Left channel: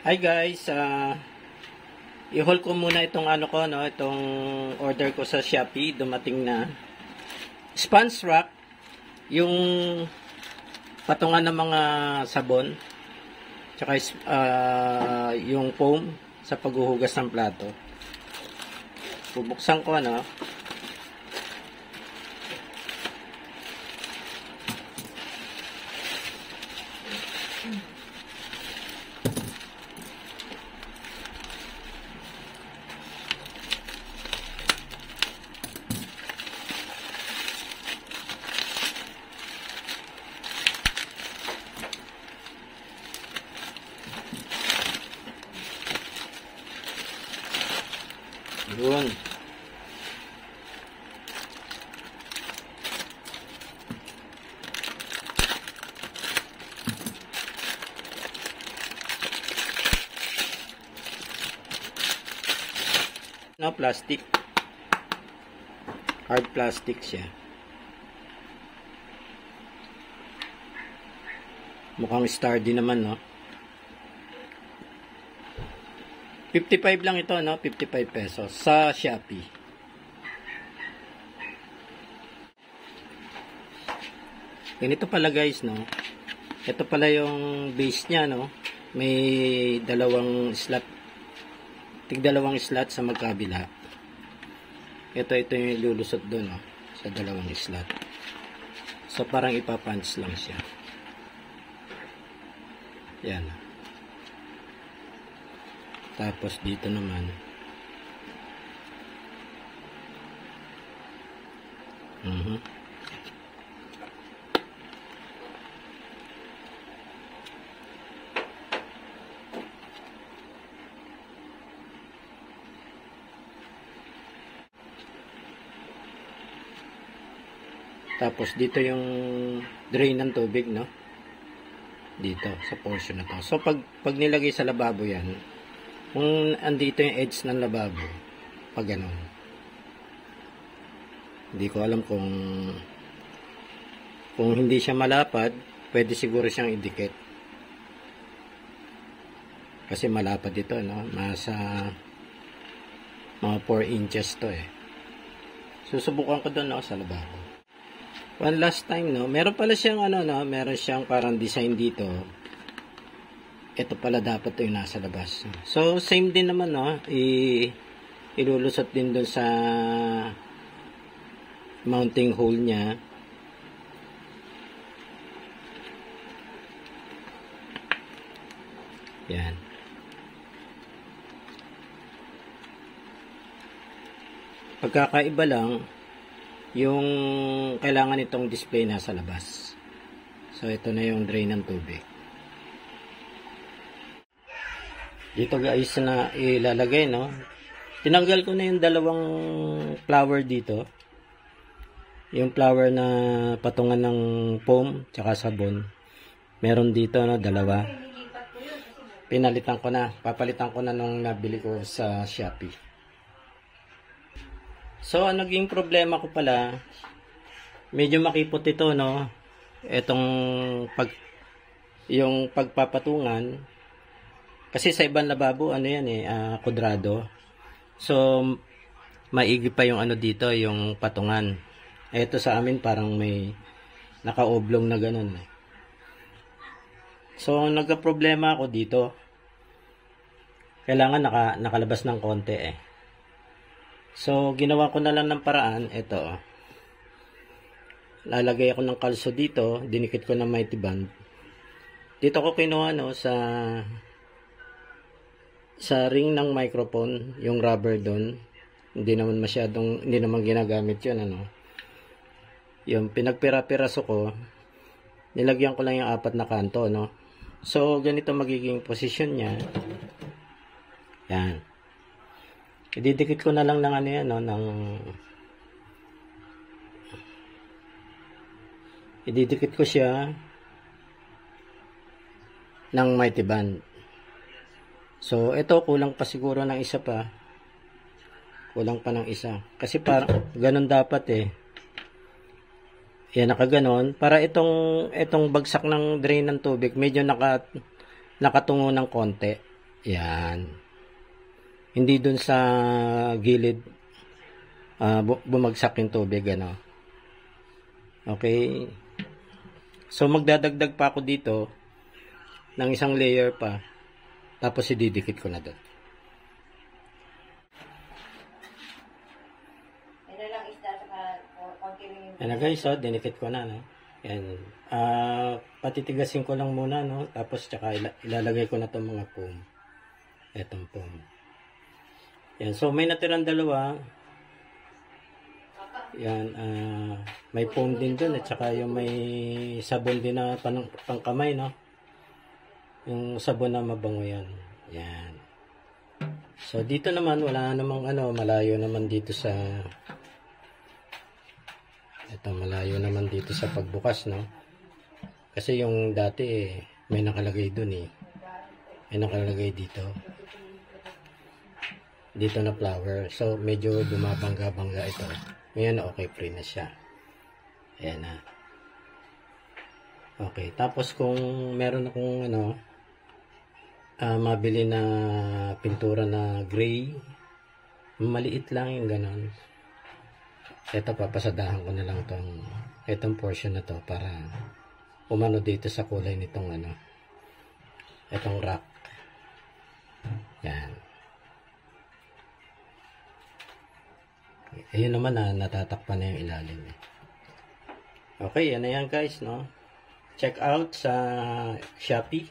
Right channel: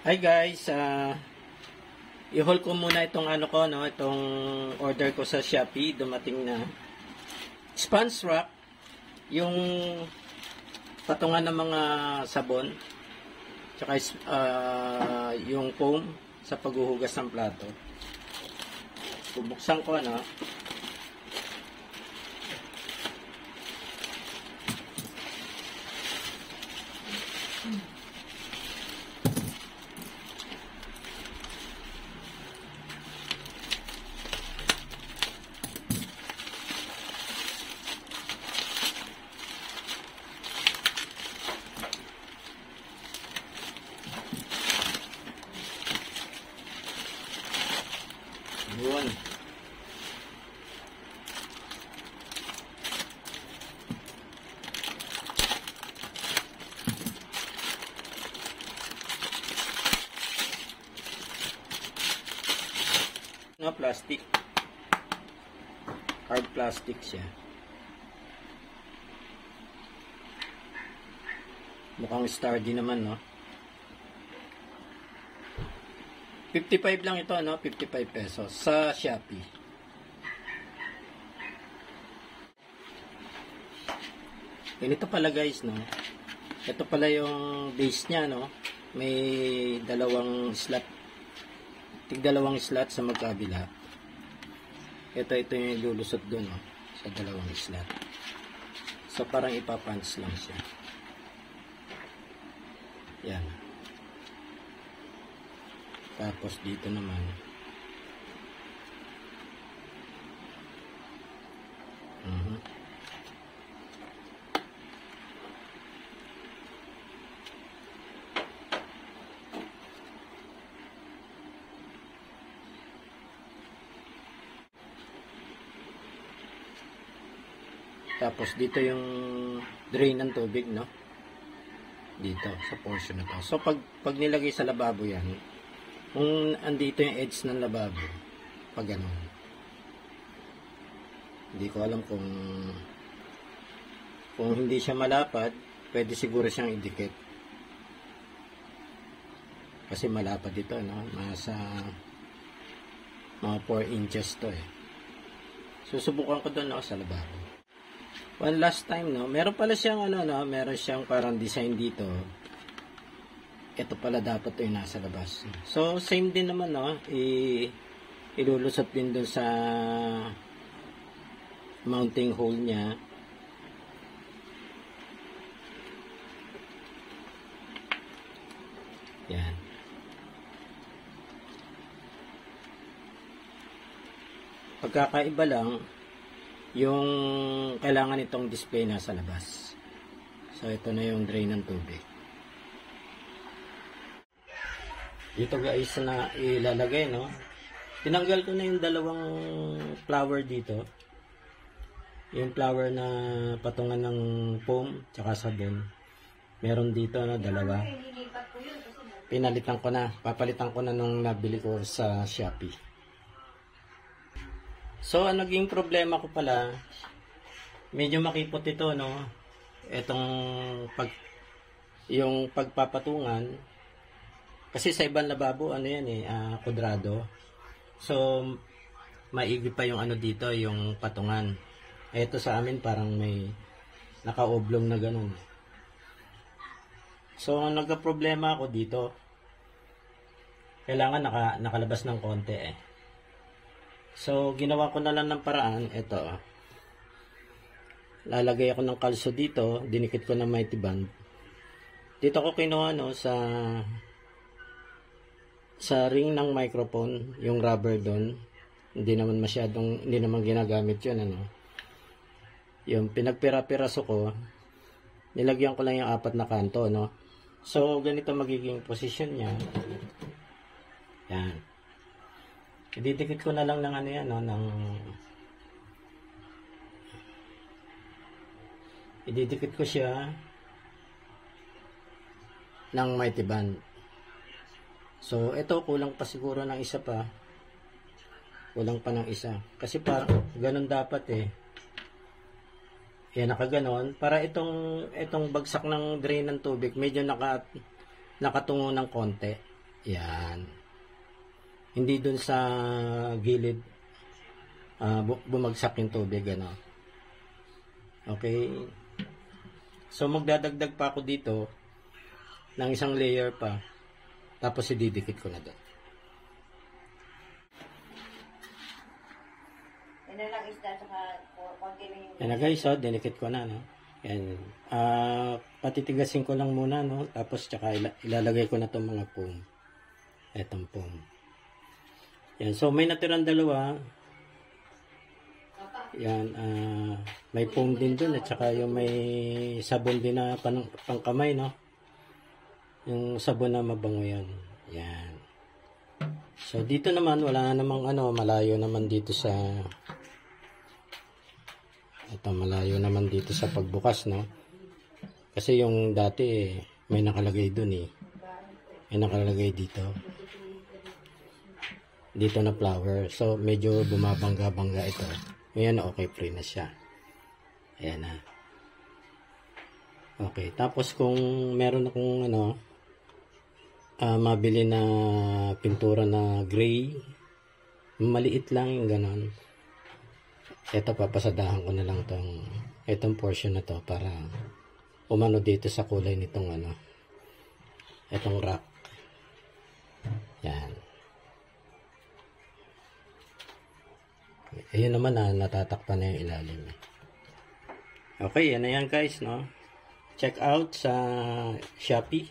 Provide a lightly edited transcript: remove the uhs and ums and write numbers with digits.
Hi guys, i-haul ko muna itong itong order ko sa Shopee. Dumating na sponge rack, yung patungan ng mga sabon, tsaka yung foam sa paghuhugas ng plato. Bubuksan ko Yun. Plastic. Hard plastic siya. Mukhang sturdy naman, no? 55 lang ito, 55 pesos sa Shopee. Ganito pala guys, Ito pala yung base niya, May dalawang slot. Tig-dalawang slot sa magkabila. Ito yung lulusot doon, sa dalawang slot. So parang ipapunch lang siya. Yan. Tapos dito naman tapos dito yung drain ng tubig, dito sa portion na to. So pag nilagay sa lababo yan, kung andito yung edge ng lababo, pag gano'n, hindi ko alam kung hindi siya malapad, pwede siguro siyang idikit. Kasi malapad ito, nasa mga 4 inches to Susubukan ko doon, sa lababo. One last time, meron pala siyang meron siyang parang design dito. Ito pala dapat yung nasa labas. So same din naman, ilulusot din doon sa mounting hole niya. Yan. Pagkakaiba lang, yung kailangan itong display nasa labas. So ito na yung drain ng tubig. Dito guys na ilalagay, tinanggal ko na yung dalawang flower dito. Yung flower na patungan ng foam tsaka sabon. Meron dito dalawa. Pinalitan ko na. Papalitan ko na nung nabili ko sa Shopee. So, ang naging problema ko pala, medyo makipot ito, Itong yung pagpapatungan. Kasi sa ibang lababo, kudrado. So, maigi pa yung dito, yung patungan. Ito sa amin, parang may naka-oblong na ganun. So, nagka-problema ako dito. Kailangan nakalabas ng konti, So, ginawa ko na lang ng paraan, ito. Lalagay ako ng kalso dito, dinikit ko ng mighty band. Dito ko kinuha, sa ring ng microphone, yung rubber doon. Hindi naman ginagamit yun, Yung pinagpira-piraso ko, nilagyan ko lang yung 4 na kanto, So, ganito magiging position niya. Yan. Ididikit ko na lang ng ididikit ko siya ng mighty band. So, ito kulang pa siguro ng isa pa. Kulang pa ng isa. Kasi parang ganun dapat Yan, nakaganon. Para itong bagsak ng drain ng tubig, medyo nakatungo ng konti. Yan. Hindi dun sa gilid bumagsak yung tubig, ano. Okay. So, magdadagdag pa ako dito ng isang layer pa. Tapos, ididikit ko na doon. Yan na guys, so, dinikit ko na, no. Yan. Patitigasin ko lang muna, no. Tapos, tsaka ilalagay ko na itong mga foam. Etong foam. Yan. So, may natirang dalawa. Yan. May foam din dun. At saka yung may sabon din na pangkamay, no. Yung sabon na mabango yan. Yan. So, dito naman, wala namang malayo naman dito sa malayo naman dito sa pagbukas, no? Kasi yung dati, may nakalagay dun eh. May nakalagay dito. Dito na flower. So, medyo bumabangga-bangga ito. Ngayon, okay, free na siya. Ayan na. Okay, tapos kung meron akong mabili na pintura na gray, maliit lang yung ganon. Ito, papasadahan ko na lang itong portion na to para umano dito sa kulay nitong itong rock. Yan. Ayun naman natatakpan na yung ilalim. Okay, yan na yan guys, no? Check out sa Shopee.